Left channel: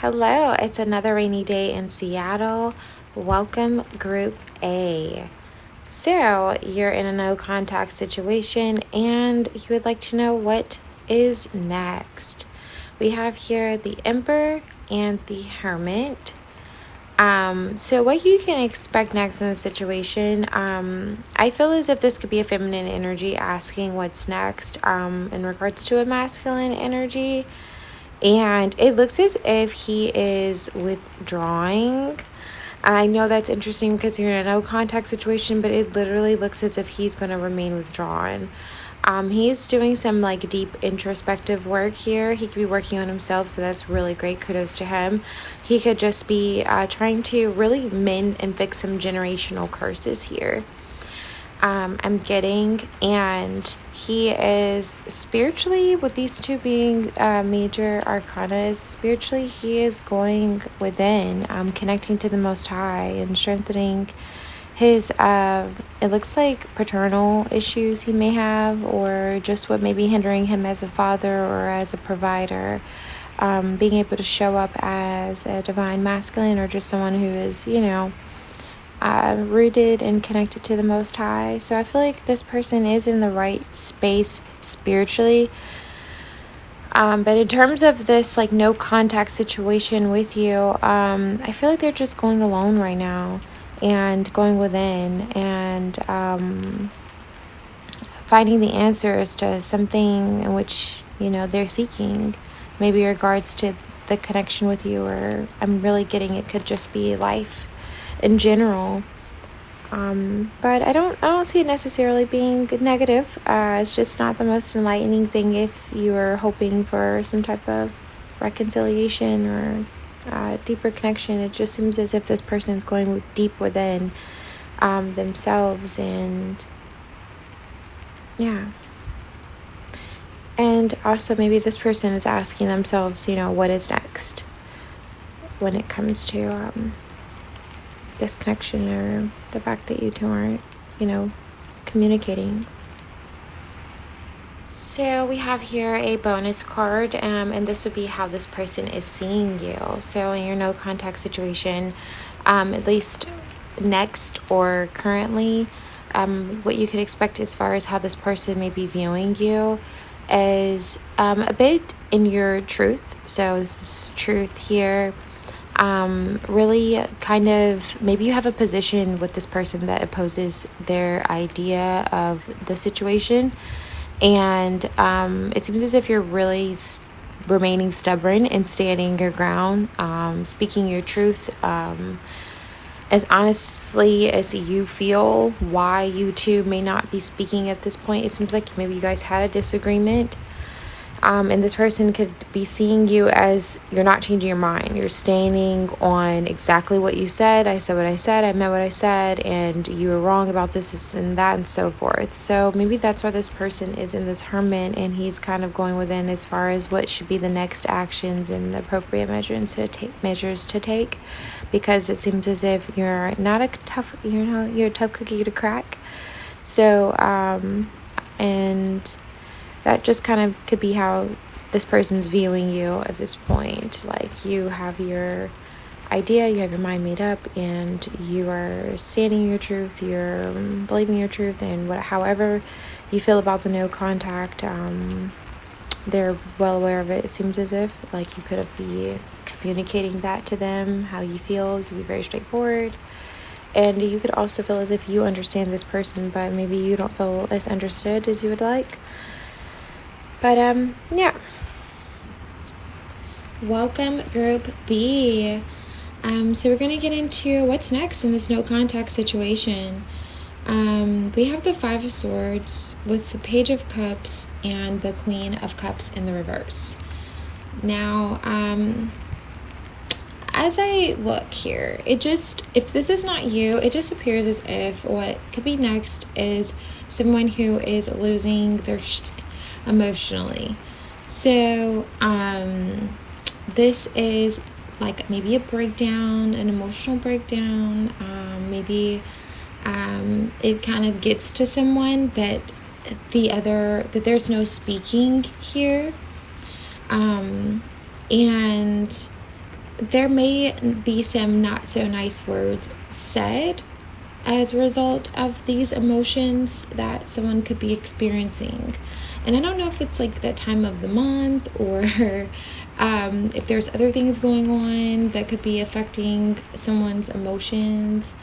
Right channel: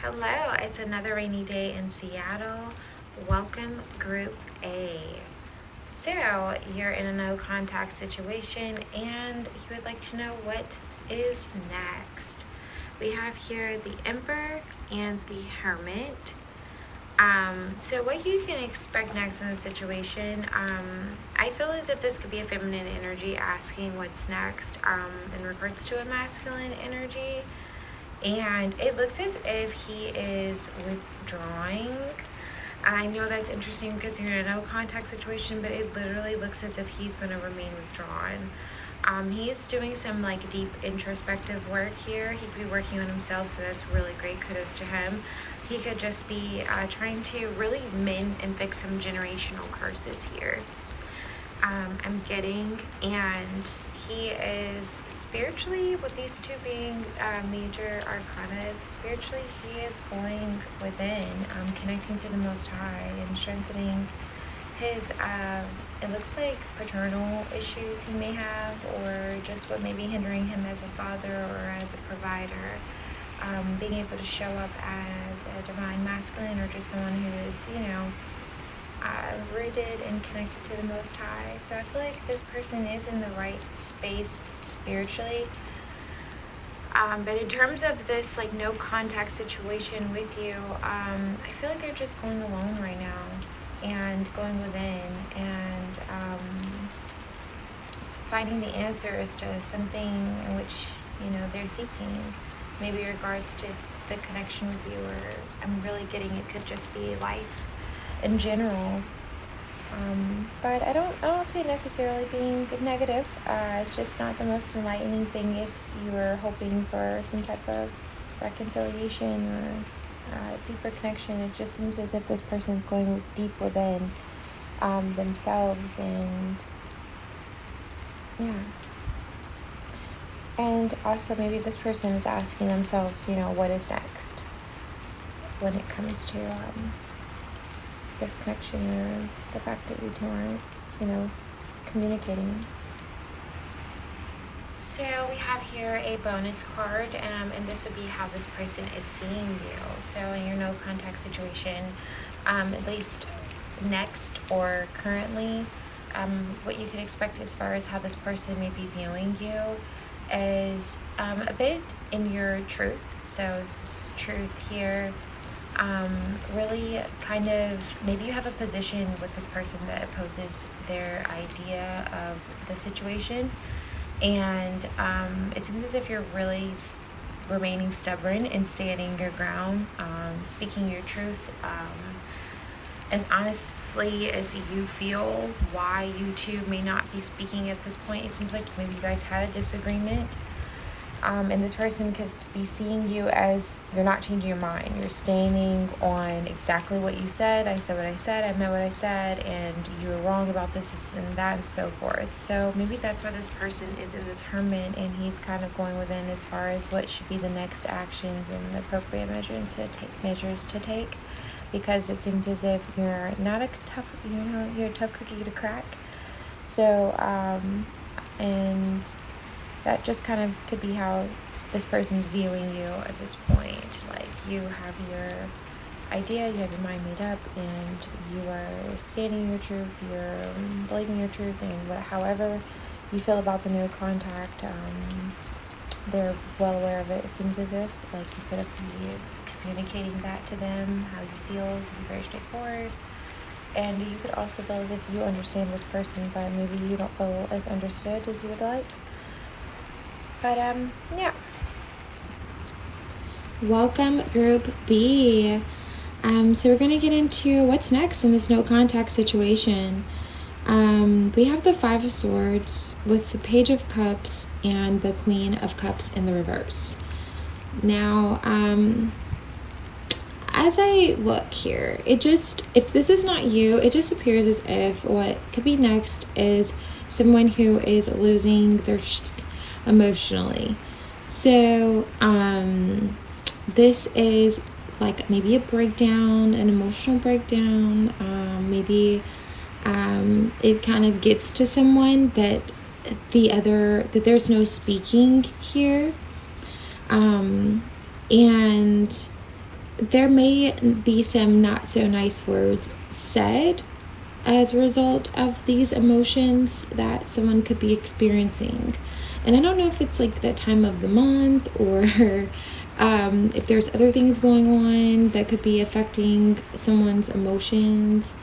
Hello, it's another rainy day in Seattle. Welcome, Group A. So, you're in a no contact situation and you would like to know what is next. We have here the Emperor and the Hermit. So what you can expect next in the situation, I feel as if this could be a feminine energy asking what's next in regards to a masculine energy. And it looks as if he is withdrawing. And I know that's interesting because you're in a no contact situation, but it literally looks as if he's going to remain withdrawn. He's doing some deep introspective work here. He could be working on himself, so that's really great. Kudos to him. He could just be trying to really mend and fix some generational curses here. I'm getting, and he is spiritually, with these two being major arcanas, spiritually he is going within, connecting to the Most High and strengthening his, it looks like paternal issues he may have, or just what may be hindering him as a father or as a provider, being able to show up as a divine masculine or just someone who is, rooted and connected to the Most High. So I feel like this person is in the right space spiritually. But in terms of this no contact situation with you, I feel like they're just going alone right now and going within and finding the answers to something in which they're seeking, maybe in regards to the connection with you, or I'm really getting it could just be life in general. But I don't see it necessarily being negative. It's just not the most enlightening thing if you are hoping for some type of reconciliation or deeper connection. It just seems as if this person's going deep within themselves, and and also maybe this person is asking themselves, what is next when it comes to this connection, or the fact that you two aren't, communicating. So we have here a bonus card, and this would be how this person is seeing you. So in your no contact situation, at least next or currently, what you can expect as far as how this person may be viewing you is a bit in your truth. So this is truth here. Really kind of, maybe you have a position with this person that opposes their idea of the situation, and it seems as if you're really remaining stubborn and standing your ground, speaking your truth as honestly as you feel. Why you two may not be speaking at this point, it seems like maybe you guys had a disagreement. And this person could be seeing you as you're not changing your mind. You're standing on exactly what you said. I said what I said. I meant what I said. And you were wrong about this and that and so forth. So maybe that's why this person is in this hermit, and he's kind of going within as far as what should be the next actions and the appropriate measures to take. Because it seems as if you're not you're a tough cookie to crack. So, and that just kind of could be how this person's viewing you at this point. You have your idea, you have your mind made up, and you are standing your truth, you're believing your truth, and however you feel about the no contact, they're well aware of it. It seems as if you could be communicating that to them, how you feel. You could be very straightforward. And you could also feel as if you understand this person, but maybe you don't feel as understood as you would like. But, Welcome, Group B. So we're going to get into what's next in this no contact situation. We have the Five of Swords with the Page of Cups and the Queen of Cups in the reverse. Now, as I look here, if this is not you, it just appears as if what could be next is someone who is losing their emotionally. So this is maybe a breakdown, an emotional breakdown. Maybe it kind of gets to someone that there's no speaking here, and there may be some not so nice words said as a result of these emotions that someone could be experiencing. And I don't know if it's like that time of the month or if there's other things going on that could be affecting someone's emotions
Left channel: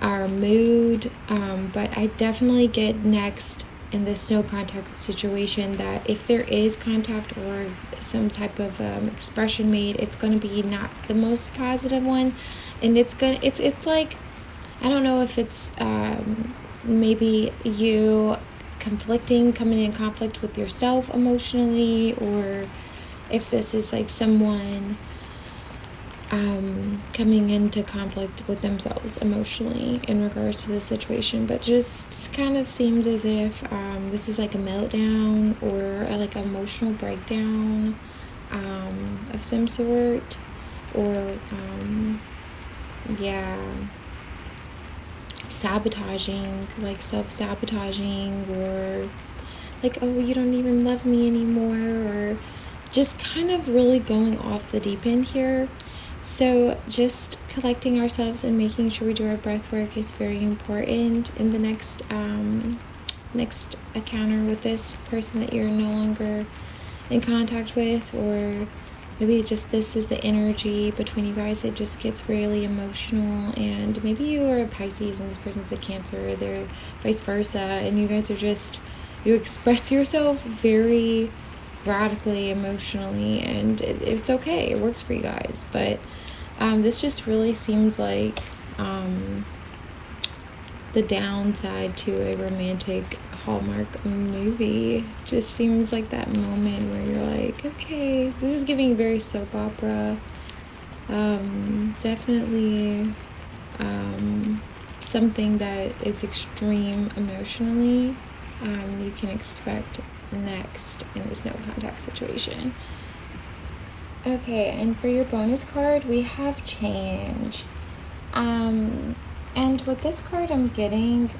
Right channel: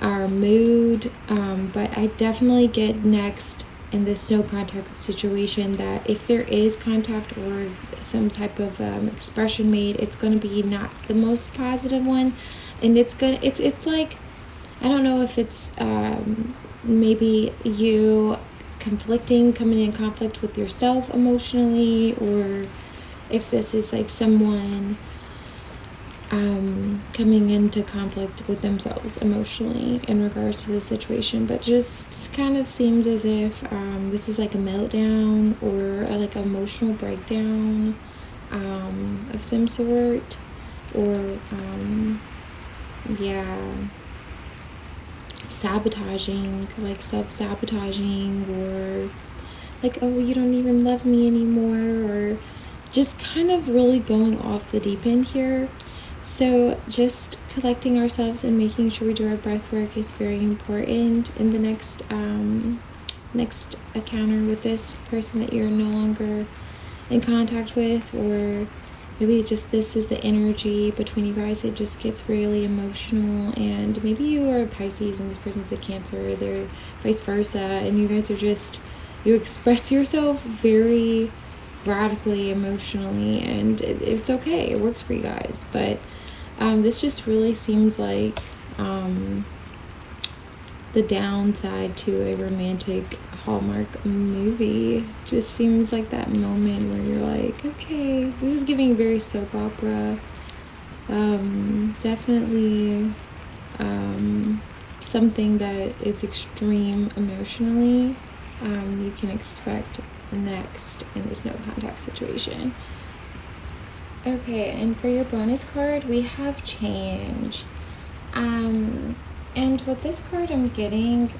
or mood. But I definitely get next in this no contact situation that if there is contact or some type of expression made, it's going to be not the most positive one. And it's like, I don't know if it's maybe you coming in conflict with yourself emotionally, or if this is like someone coming into conflict with themselves emotionally in regards to the situation. But just kind of seems as if this is like a meltdown or like an emotional breakdown of some sort, or sabotaging, like self-sabotaging, or like, oh, you don't even love me anymore, or just kind of really going off the deep end here. So just collecting ourselves and making sure we do our breath work is very important in the next encounter with this person that you're no longer in contact with, or maybe just this is the energy between you guys. It just gets really emotional, and maybe you are a Pisces and this person's a Cancer, or they're vice versa, and you guys are just, you express yourself very radically emotionally, and it's okay, it works for you guys. But this just really seems like the downside to a romantic Hallmark movie. Just seems like that moment where you're like, okay, this is giving very soap opera. Definitely something that is extreme emotionally. You can expect next in this no contact situation. Okay, and for your bonus card, we have change. And with this card, I'm getting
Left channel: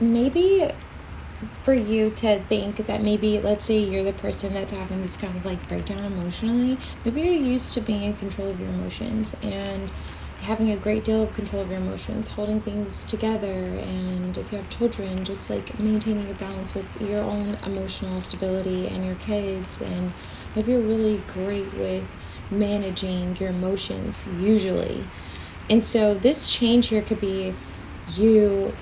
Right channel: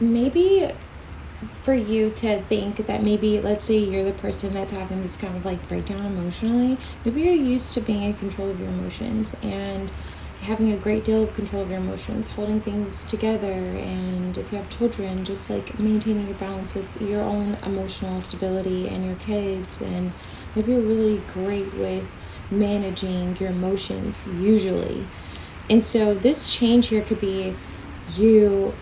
maybe for you to think that maybe, let's say you're the person that's having this kind of like breakdown emotionally. Maybe you're used to being in control of your emotions and having a great deal of control of your emotions, holding things together, and if you have children, just like maintaining a balance with your own emotional stability and your kids. And maybe you're really great with managing your emotions usually. And so this change here could be you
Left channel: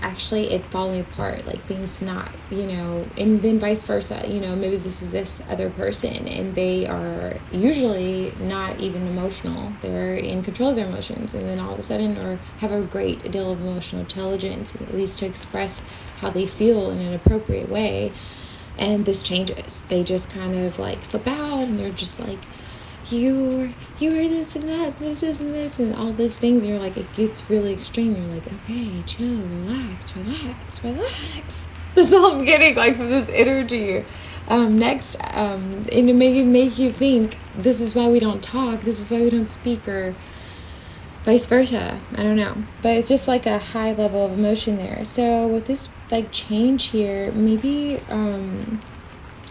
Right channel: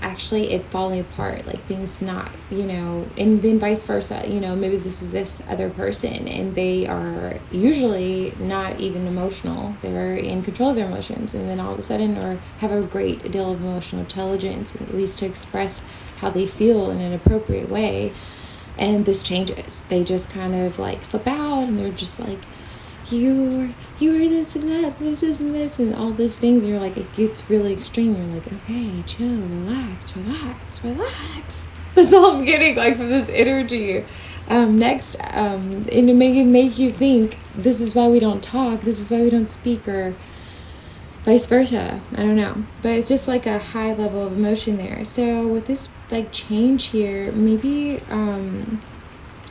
actually it falling apart, like things not, and then vice versa, maybe this is this other person and they are usually not even emotional. They're in control of their emotions, and then all of a sudden, or have a great deal of emotional intelligence, at least to express how they feel in an appropriate way. And this changes. They just kind of like flip out, and they're just like, you were this and that, this and this, and all these things. And you're like, it gets really extreme. You're like, okay, chill, relax. That's all I'm getting, like, from this energy. Next, and to make you think, this is why we don't talk, this is why we don't speak, or vice versa. I don't know. But it's just like a high level of emotion there. So with this like change here, maybe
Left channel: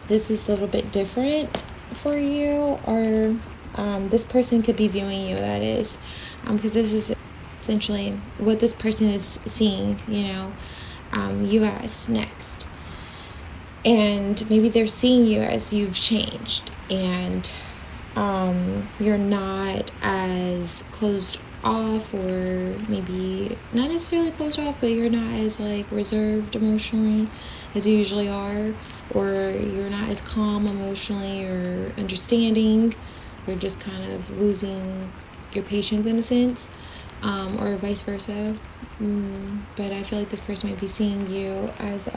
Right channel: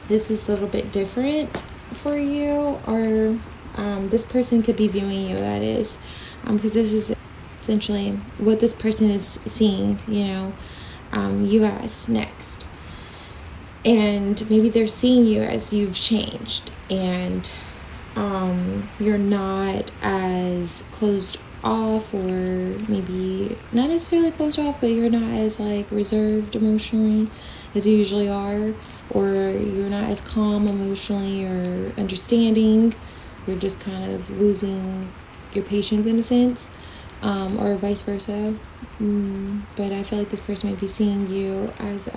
this is a little bit different for you, or this person could be viewing you, that is, because this is essentially what this person is seeing, you as next. And maybe they're seeing you as you've changed, and you're not as closed off, or maybe not necessarily closed off, but you're not as like reserved emotionally as you usually are, or you're not as calm emotionally or understanding. You're just kind of losing your patience in a sense, or vice versa. But I feel like this person may be seeing you as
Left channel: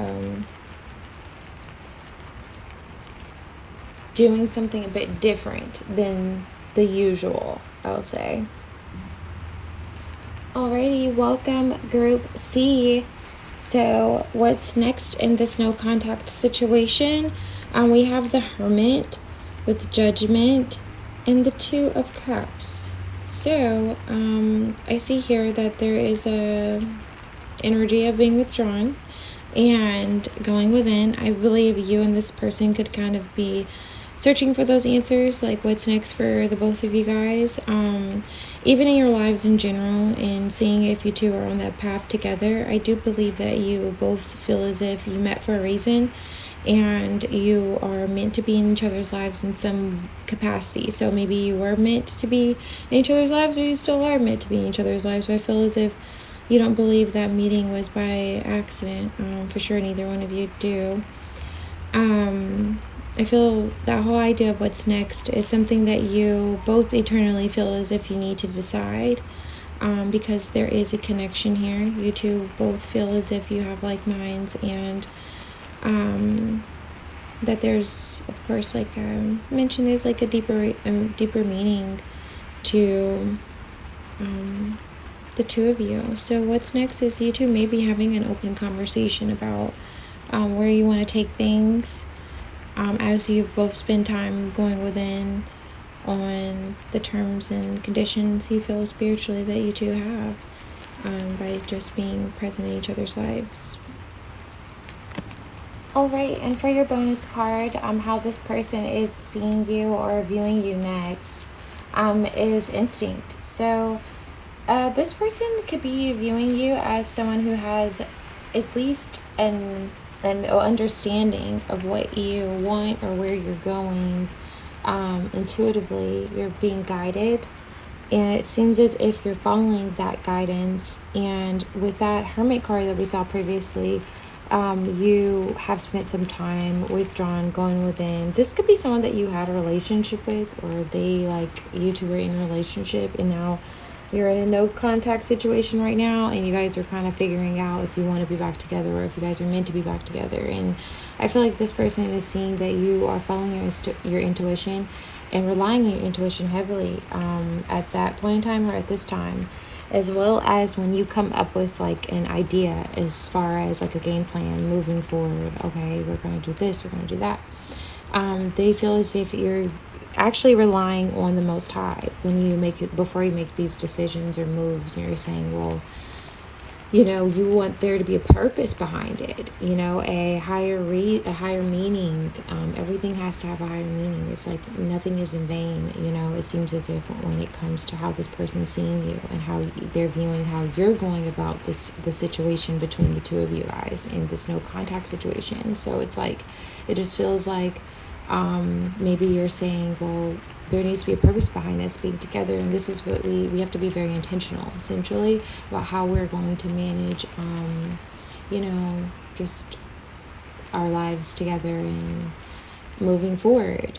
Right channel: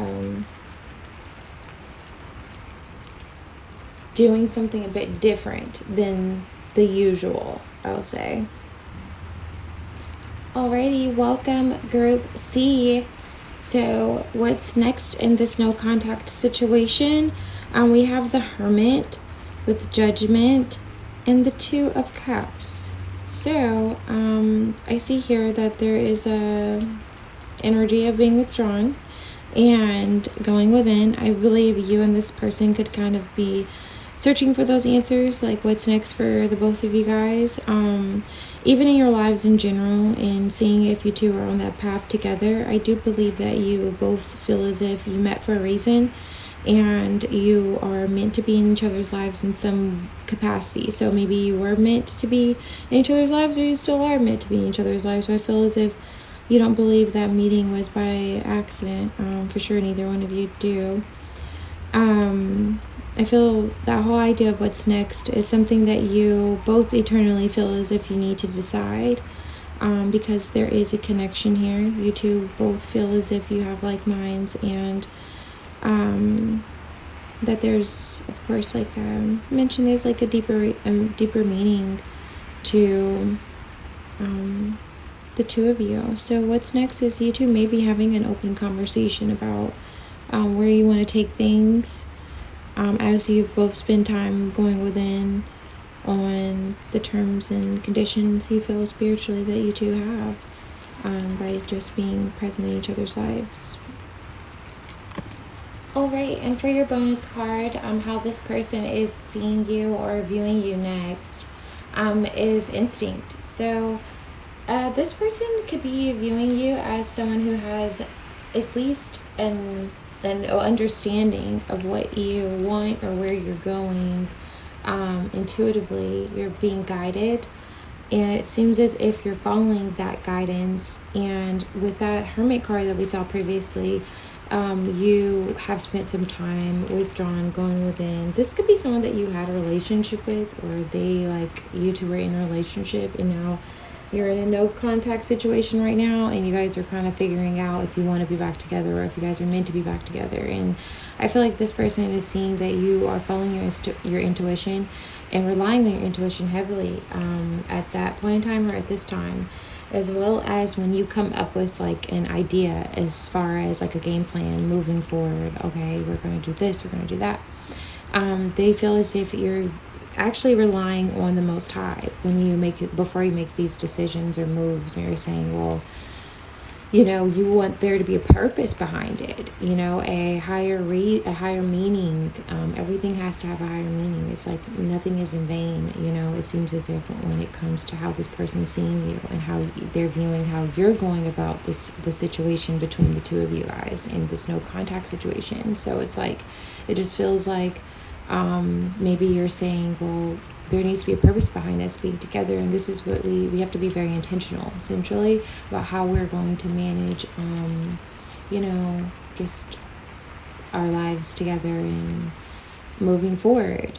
doing something a bit different than the usual, I'll say. Alrighty, welcome Group C. So what's next in this no contact situation? We have the Hermit with Judgment and the Two of Cups. So I see here that there is a energy of being withdrawn and going within. I believe you and this person could kind of be searching for those answers, like what's next for the both of you guys, even in your lives in general, and seeing if you two are on that path together. I do believe that you both feel as if you met for a reason and you are meant to be in each other's lives in some capacity. So maybe you were meant to be in each other's lives, or you still are meant to be in each other's lives. So I feel as if you don't believe that meeting was by accident. For sure, neither one of you do. I feel that whole idea of what's next is something that you both eternally feel as if you need to decide, because there is a connection here. You two both feel as if you have like minds, and that there's, of course, like I mentioned, there's like a deeper meaning to the two of you. So what's next is you two maybe having an open conversation about where you want to take things, as you both spend time going within on the terms and conditions you feel spiritually that you two have, by just being present in each other's lives. Alright, and for your bonus card, how this person is seeing you or viewing you next, is instinct. So this person could be viewing you as someone who has at least an understanding of what you want or where you're going. Intuitively, you're being guided, and it seems as if you're following that guidance. And with that Hermit card that we saw previously, you have spent some time withdrawn, going within. This could be someone that you had a relationship with, or they, like, you two were in a relationship and now you're in a no contact situation right now, and you guys are kind of figuring out if you want to be back together or if you guys are meant to be back together. And I feel like this person is seeing that you are following your intuition and relying on your intuition heavily, at that point in time or at this time, as well as when you come up with like an idea as far as like a game plan moving forward. Okay, we're going to do this, we're going to do that. They feel as if you're actually relying on the Most High when you make it, before you make these decisions or moves, and you're saying, well, you know, you want there to be a purpose behind it, you know, a higher meaning. Everything has to have a higher meaning. It's like nothing is in vain, you know. It seems as if when it comes to how this person's seeing you and how they're viewing how you're going about the situation between the two of you guys in this no contact situation. So it's like, it just feels like maybe you're saying, well, there needs to be a purpose behind us being together, and this is what we have to be very intentional, essentially, about how we're going to manage, you know, just our lives together and moving forward.